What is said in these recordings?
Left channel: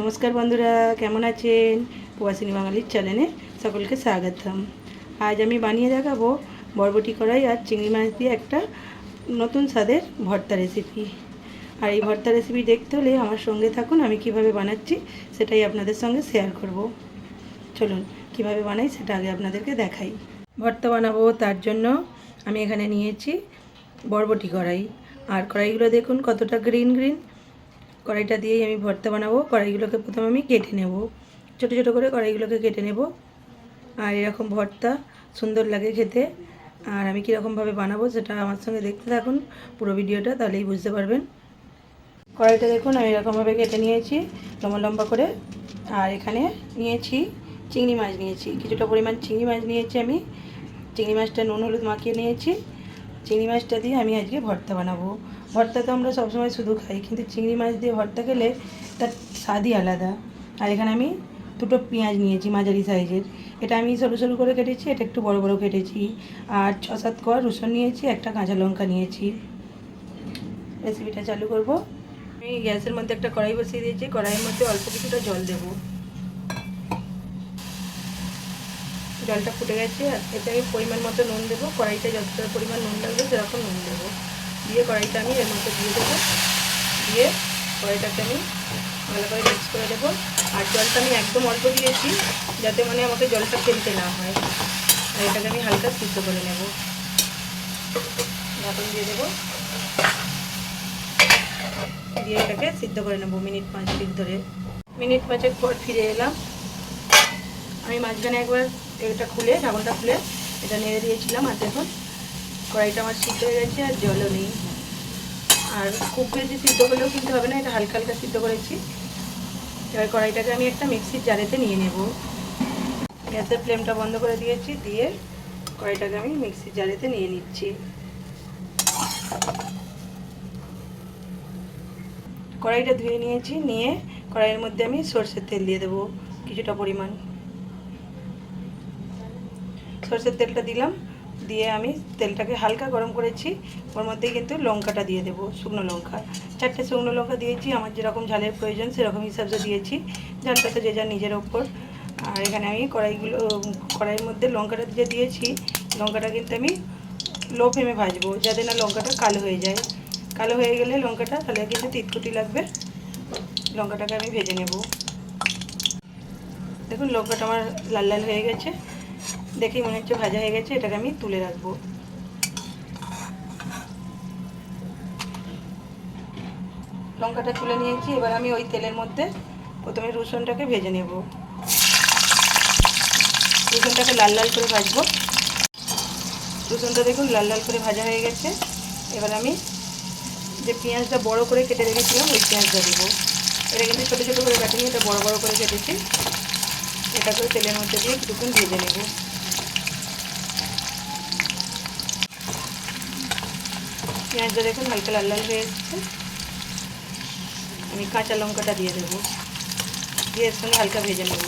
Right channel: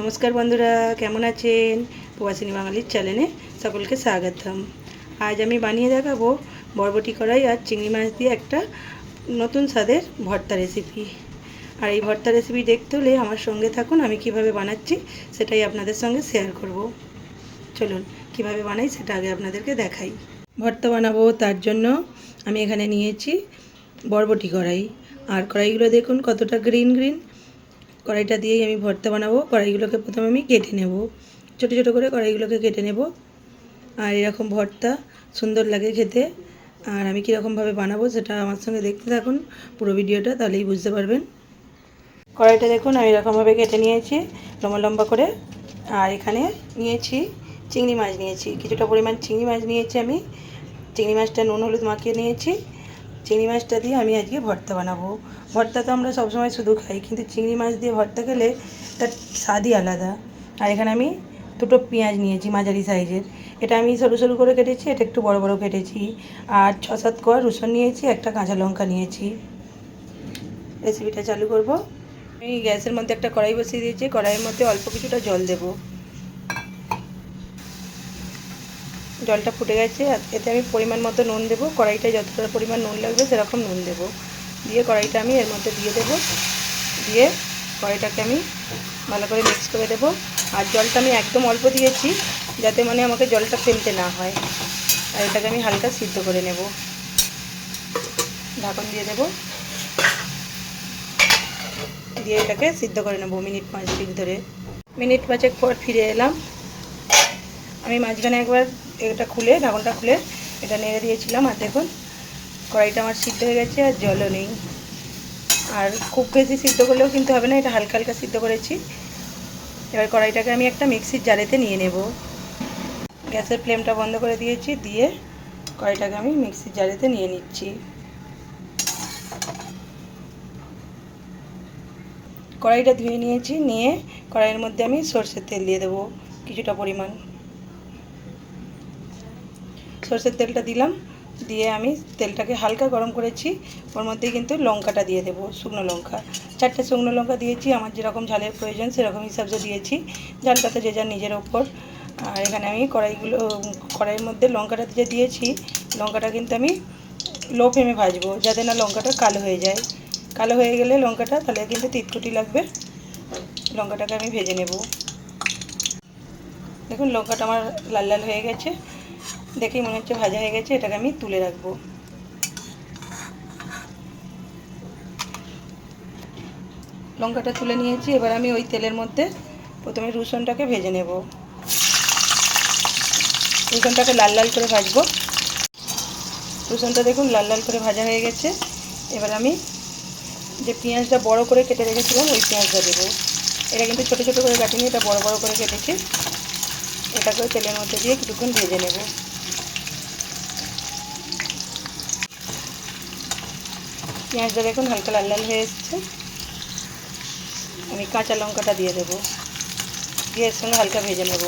নমস্কার বন্ধুরা, কেমন আছেন? প্রবাসিনী বাঙালির চ্যানেলে সকলকে স্বাগতম। আজ আমি বানিয়ে দেখাবো বরবটি কড়াই আর চিংড়ি মাছ দিয়ে একটা নতুন স্বাদের ভর্তা রেসিপি আর এই ভর্তা রেসিপি দেখতে হলে আমার সঙ্গে থাকুন, আমি কীভাবে বানাচ্ছি সেটাই আপনাদের সঙ্গে শেয়ার করব। চলুন, কীভাবে বানাই সেটা আগে আপনাদেরকে দেখাই। ভর্তা বানাবো তার জন্য আমি এখানে নিয়েছি বরবটি কড়াই। আর কড়াইগুলো দেখুন কতটা গ্রিন গ্রিন কড়াইটা দিয়েই আমি ভর্তা বানাবো। কড়াইগুলোকে প্রথমে আমি কেটে নেব। ছোটো ছোটো করে কড়াইগুলোকে কেটে নেব। আর এরকম ভর্তা সুন্দর লাগে খেতে। আর আমি কীরকমভাবে বানাবো সেটা আমার সঙ্গে দেখতে থাকুন পুরো ভিডিওটা, তাহলেই বুঝতে পারবেন। কড়াইটা দেখুন, আমি এরকমভাবে কেটে নিয়েছি লম্বা লম্বা করে। আর এখানে নিয়েছি চিংড়ি মাছ নিয়েছি। কিছুটা পরিমাণ চিংড়ি মাছ নিয়েছি আমি। চিংড়ি মাছটা নুন, হলুদ মাখিয়ে নিয়েছি। চিংড়ি মাছটা দিয়ে আমি আজকে ভর্তা বানাবো। ভর্তা তো আমরা সবসময় শুধু খাই, কিন্তু চিংড়ি মাছ দিয়ে ভর্তা খেলে তার স্বাদই আলাদা। আর এখানে আমি দুটো পেঁয়াজ নিয়েছি মাঝারি সাইজের। এটা আমি সরু সরু করে কেটেছি, এটা একটু বড় বড় কেটেছি। আর ছ সাত কোয়া রসুন নিয়েছি, একটা কাঁচা লঙ্কা নিয়েছি। রেসিপিটা চালু করব। আমি গ্যাসের মধ্যে একটা কড়াই বসিয়ে দিয়েছি, কড়াইয়ের মধ্যে অল্প কিছুটা জল দেবো। জলটা ফুটে গেছে এতে আমি পরিমাণ মতো নুন দেবো কড়াইটা যতটা পরিমাণ নুন লাগবে সেরকম নুন দেবো। দিয়ে কড়াইটা আমি এর মধ্যে দিয়ে দেবো। দিয়ে কড়াইটাকে আমি ভালো করে মিক্স করে দেবো। আর জলটা আমি একদম অল্প দিয়েছি, যাতে মানে আমাকে জলটা ফেলতে না হয়। আর এটাকে আমি হালকা সিদ্ধ করে নেব। ঢাকন দিয়ে দেবো। দিয়ে এটাকে সিদ্ধ করে নেব মিনিট পাঁচ মিনিট ধরে। মিনিট পাঁচেক পর ফিরে এলাম। আমি মাঝখানে একবার এটা খুলে ঢাকনটা খুলে এটা নেড়ে দিয়েছিলাম আর দেখুন, কড়াইটা আমার সিদ্ধ হয়ে গেছে আর জলও নেই। আর খুব বেশি সিদ্ধ করলেও কিন্তু হবে না, এটা হালকা হালকা সিদ্ধ করেছি। এবার কড়াইটাকে আমি একটা মিক্সির জারেতে নিয়ে নেব। গ্যাসের ফ্লেমটা বন্ধ করে দিয়েছি, দিয়ে কড়াইটাকে আমি মিক্সির জারেতে নিয়ে নিচ্ছি। কড়াইটা ধুয়ে নিয়েছি, নিয়ে কড়াইয়ের মধ্যে আমি সর্ষের তেল দিয়ে দেবো, কিছুটা পরিমাণ। সর্ষের তেলটা দিলাম, দিয়ে আমি তেলটাকে হালকা গরম করেছি, ওর মধ্যে কিন্তু লঙ্কাটা দিয়ে দেবো, শুকনো লঙ্কা। চারটে শুকনো লঙ্কা দিয়েছি, আমার যেরকম ঝালের প্রয়োজন সেরকম হিসাবে দিয়েছি ঝালটা তো যে যার নিজের ওপর। আর এখানে আমি কড়াইগুলো, কড়াইয়ের মধ্যে লঙ্কাটা যে দিয়েছি, লঙ্কাটা কিন্তু আমি লো ফ্লেমে ভাজবো, যাতে না লঙ্কাটা কালো হয়ে যায়। কালো হয়ে গেলে লঙ্কাটা, তাহলে কিন্তু তিতকুটি লাগবে, লঙ্কাটাকে আমি ভেজে নেব। দেখুন, লঙ্কাটা আমার লাল লাল হয়ে গেছে। দেখেই মনে হচ্ছে ভাজা হয়ে গেছে, এটাকে আমি তুলে রাখব। লঙ্কাটা তুলে নিয়েছি, এবার আমি ওই তেলের মধ্যে প্রথমে রসুনটাকে ভেজে নেব। রসুনটাকে লাল লাল করে ভাজবো। রসুনটা দেখুন লাল লাল করে ভাজা হয়ে গেছে। এবার আমি যে পেঁয়াজটা বড় করে কেটে রেখেছিলাম, ওই পেঁয়াজটা দেবো। এটা কিন্তু ছোটো ছোটো করে কাটিনি, এটা বড় বড় করে কেটেছি। এটাকেও তেলের মধ্যে দিয়ে কিছুক্ষণ ভেজে নেব। পেঁয়াজটা দেখুন, হালকা লাল লাল হয়ে এসছে। আমি কাঁচা লঙ্কাটা দিয়ে দেবো। দিয়ে এর সঙ্গে হালকা ভেজে নেব।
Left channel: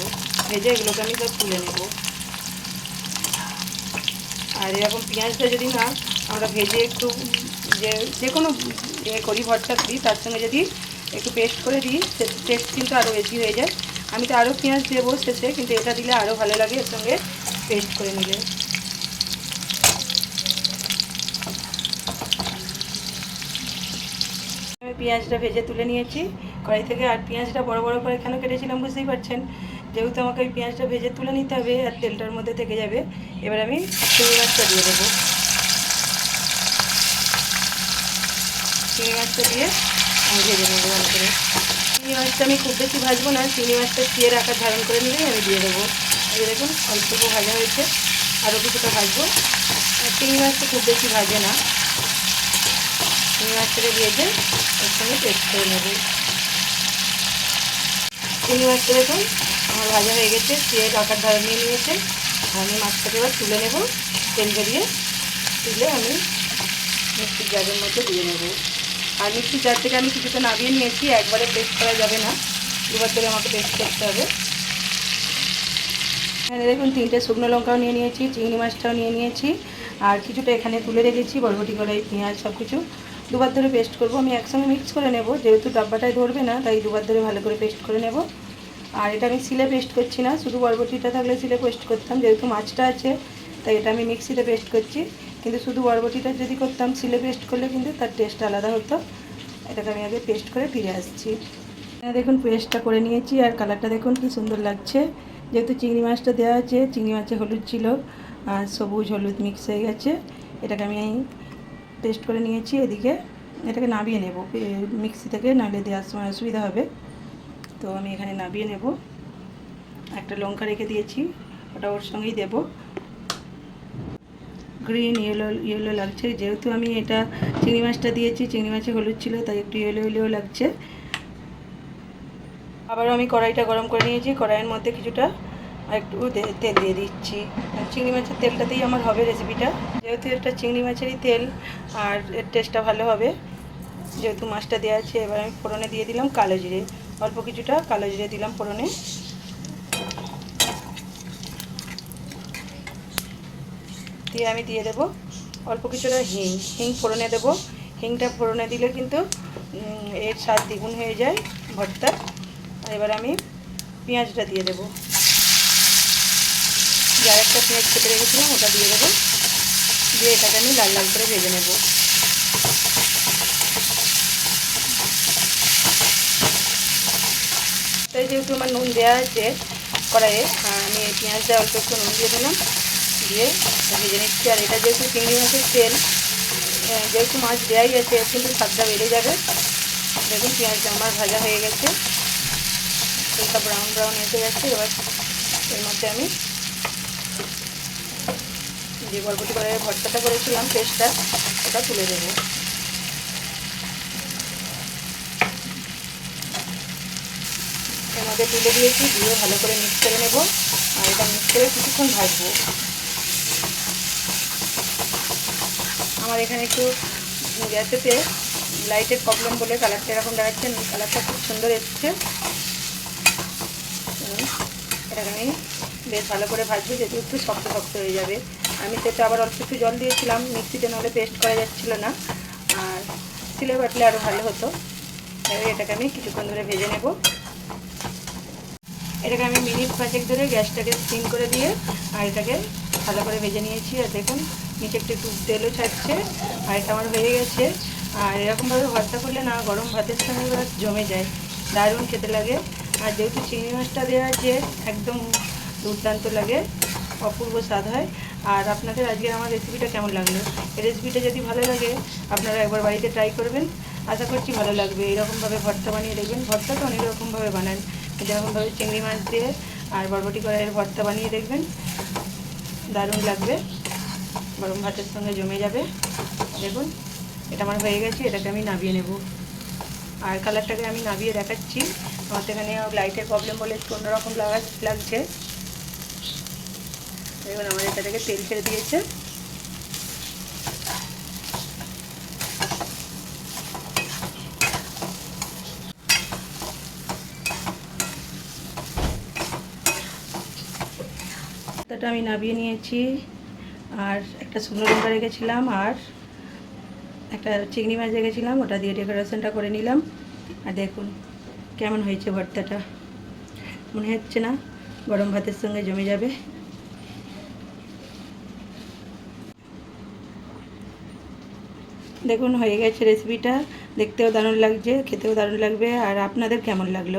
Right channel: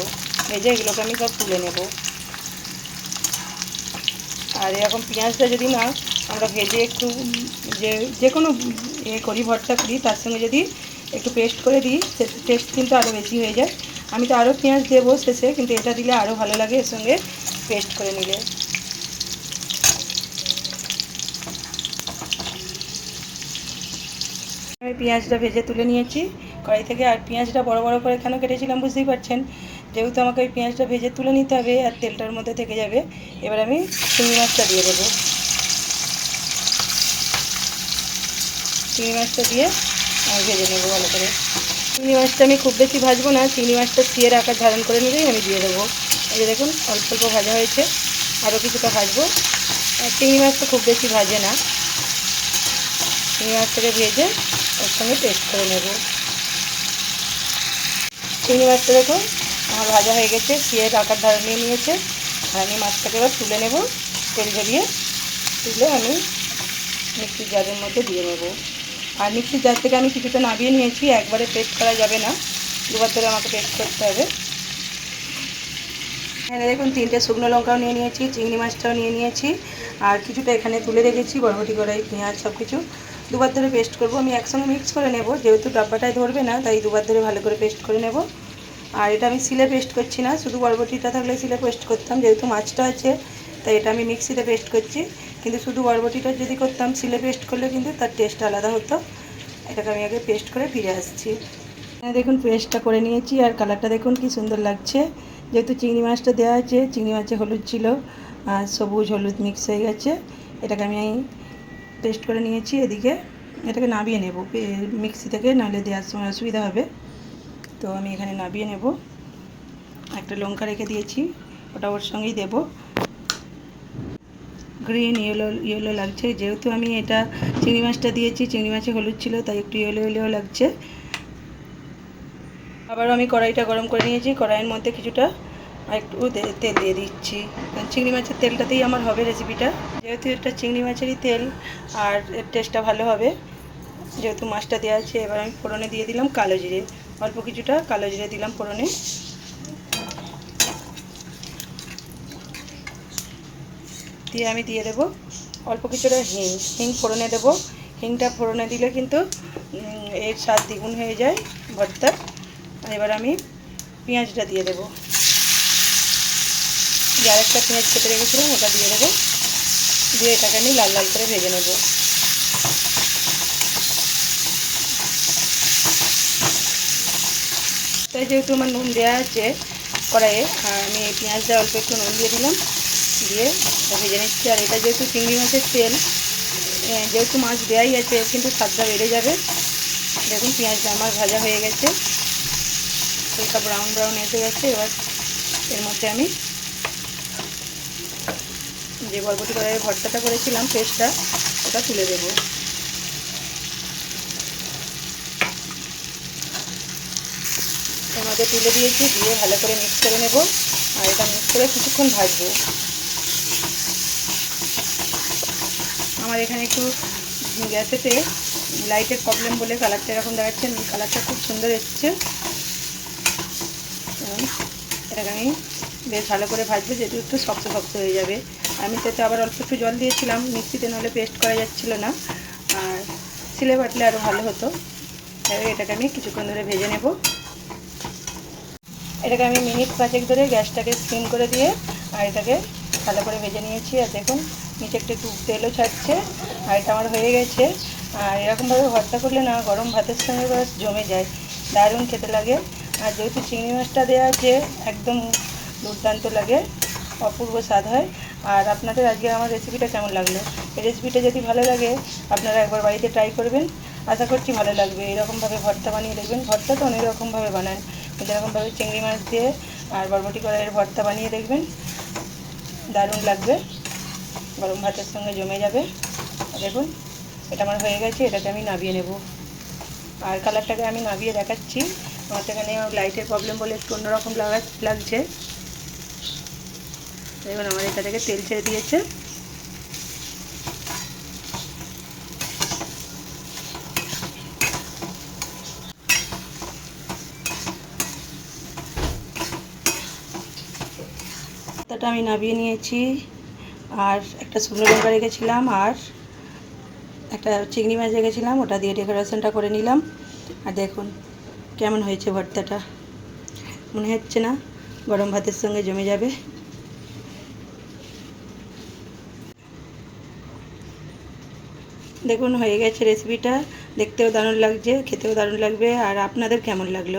ভেজে এগুলোকে আমি সব তুলে নেব। আর এরকম পেঁয়াজটা যদি না আমরা ভেজে একটু যে যে কোনো ইয়ে করি, ভর্তা করি, তার সঙ্গে যদি একটু পেস্ট করে দিই, সে টেস্ট কিন্তু আরও বেশি হয়ে যায়। আমি তো আরও পেঁয়াজ দেবো শেষে, কিন্তু এটা দিলে আরও ভালো লাগে এর সঙ্গে পেস্ট করে নিলে। আমি পেঁয়াজটা ভেজে তুলে নিয়েছি। কড়াই থেকে আর পেঁয়াজটা বড় বড় করে কেন কেটেছিলাম বুঝতেই পারছেন? যেহেতু আমাকে ওই পেঁয়াজটা ভেজে তুলে নিতে হবে আর তেলটার মধ্যে থেকে যাবে, এবার আমি চিংড়ি মাছটা দিয়ে দেবো। চিংড়ি মাছটা দিয়ে আমি ভেজে নেব ভালো করে। চিংড়ি মাছটা আমি খুব বেশি ভাজবো না, চিংড়ি মাছটা চিয়ের আকার ধারণ করে নিলেই আমি দিয়ে দেবো। এই দেখুন, অল্প অল্প ভাজা হয়েছে আরও কিছুটা ভাজবো। আর চিংড়ি মাছটা খুব বেশি ভাজে না। চিংড়ি মাছটাকে ভেজে ওর সঙ্গে পেস্ট করে নেব। চিংড়ি মাছটা দেখুন, আমার ভাজা হয়ে গেছে চিয়ের আকার ধারে নিয়ে নিয়েছে। আর আমি মাছটাকে এবার তুলে নেব, তেল বেরিয়ে তুলে আমি মিক্সির জারের মধ্যে দিয়ে নেব। আর মিক্সির জার থেকে আমি কিছুটা নামিয়ে নিয়েছি, একবারে পেস্ট করা যাবে না। দুবার ধরে আমাকে পেস্ট করতে হবে। এখানে দেখুন, তিনটে শুকনো লঙ্কাও নিয়ে নিয়েছি, চিংড়ি মাছটাও নিয়ে নিয়েছি। আর কিছুটা এখানে তুলে রেখেছি, বরবটি কড়াই, পেঁয়াজ সব কিছু দুবার ধরে পেস্ট করব। আমি একসঙ্গে মিক্স করে নেব, যেহেতু ডাব্বাটায় ধরবে না, তাই দুবার ধরে ভালো করে পেস্ট করে নেব। আর এটা আমি সিলে পেস্ট করছি না, শুধু বরবটিটা থাকলে সিলে পেস্ট করতাম, যেহেতু মাছটা আছে, তাই এটা আমি মিক্সিতে পেস্ট করছি। কিন্তু শুধু বরবটিটা যদি করতাম সিলে পেস্ট করলে কিন্তু তার টেস্ট আলাদা হতো। এটাকে আমি আগে পেস্ট করে ফিরে আসছি। হ্যাঁ দেখুন পেস্টটা করে নিয়েছি, আর কালারটা দেখুন কি সুন্দর লাগছে। যেহেতু চিংড়ি মাছটা দেওয়া আছে, চিংড়ি মাছে হলুদ ছিল, আর সবুজ হলুদ মিক্স হয়ে গেছে। এটাকে আমি পেস্ট করে নিয়েছি এদিকে। এটাকে নাবিয়ে নেব। মিক্সি থেকে নাহলে দেওয়ার সময় অসুবিধা হবে। তো আমি এখানে নাবিয়ে নেব। একটা লঙ্কা রেখে দিয়েছি। ওটা ওর সঙ্গেই দেবো। গ্রিন ইয়েলো ইয়েলো লাগছে। যেহেতু আমি এটা চিংড়ি মাছটা দিয়েছি, চিংড়ি মাছে হলুদ ছিল, তাই একটু ইয়েলো ইয়েলো লাগছে। আবারও আমি কড়াইটা গরম করে নিয়েছি। কড়াইয়ের মধ্যে কিছুটা একটু তেল দিয়ে দিচ্ছি। আর চিংড়ি মাছের তেলটাতেই আমার হবে রেসিপিটা যেহেতু এটা চিংড়ি মাছেরই তেল, আর এর টেস্টটা ভালো হবে, যেহেতু মাছটা দেওয়া আছে, এবার আমি ফোড়নে দিয়ে দিলাম কালো জিরে। অল্প কিছুটা কালো জিরে দিলাম ফোড়নে। দিয়ে আমি দিয়ে দেবো অল্প কিছুটা হিং। হিং ফোড়নে দেবো। হিংটা ফোড়নে দিলে কিন্তু এর স্বাদ দ্বিগুণ হয়ে যায় ভর্তার। এবার আমি পেঁয়াজটা দিয়ে দেবো। যে আরেকটা পেঁয়াজ কেটে রেখেছিলাম, ওটা দিয়ে দেবো। দিয়ে এটাকে আমি লাল লাল করে ভেজে নেব। তাই যেহেতু আমার নুন দেওয়া আছে কড়াইয়ে আমি এই পেঁয়াজটা অল্প একটু নুন দিয়ে দিলাম। দিয়ে ভেজে নিচ্ছি। আর এটা যেহেতু চিংড়ি মাছের তেল যেহেতু মাছ দেওয়াই আছে কিন্তু স্বাদটা বেড়ে যাবে। দেখুন, পেঁয়াজটা আমার ভাজা হয়ে গেছে। হালকা ব্রাউন ব্রাউন এসে গেছে। এবার এর মধ্যে আমি যে বরবটি কড়াইয়ের ভর্তাটা করেছিলাম, পেস্টটা, ওটা তুলে দেবো। মধ্যে তুলে দিয়েছি, দিয়ে ভালো করে মিক্স করে নেব। আর এটা মিক্স করে কিছুক্ষণ ভাজবো। আমার এখানে একটু গ্যাসেতে লাইটের প্রবলেম বলে কালারটা এরকম দেখাচ্ছে কালারটা খুব সুন্দর এসছে। এটাকে আমি বেশ ভালো করে ভাজবো, যেহেতু একটু শক্ত শক্ত হয়ে যাবে। আমি তো আবার অল্প একটু জল দিয়েছিলাম, মিক্সিতে নাহলে পেস্ট করা যাচ্ছিল না। আর সিলে বাটলে আরও ভালো হতো। এটাকে আমি কিছুক্ষণ ধরে ভেজে নেব। এটাকে আমি মিনিট পাঁচেক ধরে গ্যাসটাকে স্টিম করে দিয়ে আর এটাকে ভালো করে ভেজে নিয়েছি। আর দেখুন, নিচে একটু একটু তেলও ছাড়ছে আর এটা আমার হয়ে গেছে। আর এরকমভাবে ভর্তা করলে না, গরম ভাতের সঙ্গে এবার জমে যায়। দারুণ খেতে লাগে। আর যেহেতু চিংড়ি মাছটা দেওয়া আছে, একদম দুর্দান্ত লাগে। অপূর্ব স্বাদ হয়। আর আপনাদের আজকে আমার রেসিপিটা কেমন লাগল? এই রেসিপিটা যদি ভালো লাগে, আপনারা একবার বাড়িতে ট্রাই করবেন। আশা করছি ভালো লাগবে। এরকমভাবে ভর্তা বানিয়ে দেখবেন। ভর্তা তো অনেক রকমভাবে বানান। যেরকমভাবে চিংড়ি মাছ দিয়ে আর বরবটি কড়াইয়ের ভর্তা বানিয়ে দেখবেন। দারুণ লাগবে। গরম ভাতের সঙ্গে জমে যাবে। দেখুন, এটা আমার হয়ে গেছে। এটাকে আমি নাবিয়ে নেব। আর কালারটাকে আমি নাবিয়ে দেখাচ্ছি। আমার তো এখানে লাইটের প্রবলেম বলে একটু অন্যরকম লাগা লাগছে। দেখুন আমার এটা তেল ছেড়ে দিয়েছে। ভর্তাটা আমি নাবিয়ে নিয়েছি, আর একটা শুকনো লঙ্কা রেখেছিলাম, আর একটা চিংড়ি মাছ রেখেছিলাম, ওটা দিয়ে ডেকোরেশনটা করে নিলাম। আর দেখুন, কেমন হয়েছে ভর্তাটা। মনে হচ্ছে না গরম ভাতের সঙ্গে জমে যাবে। দেখুন, হয়ে গেছে রেসিপিটা দেখতেও দারুণ লাগছে, খেতেও দারুণ লাগবে। আর আপনাদের কেমন লাগল?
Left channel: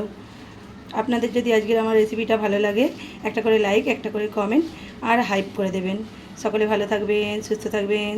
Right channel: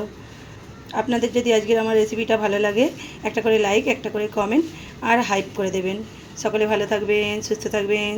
আপনাদের যদি আজকের আমার রেসিপিটা ভালো লাগে, একটা করে লাইক একটা করে কমেন্ট আর হাইপ করে দেবেন। সকলে ভালো থাকবেন, সুস্থ থাকবেন।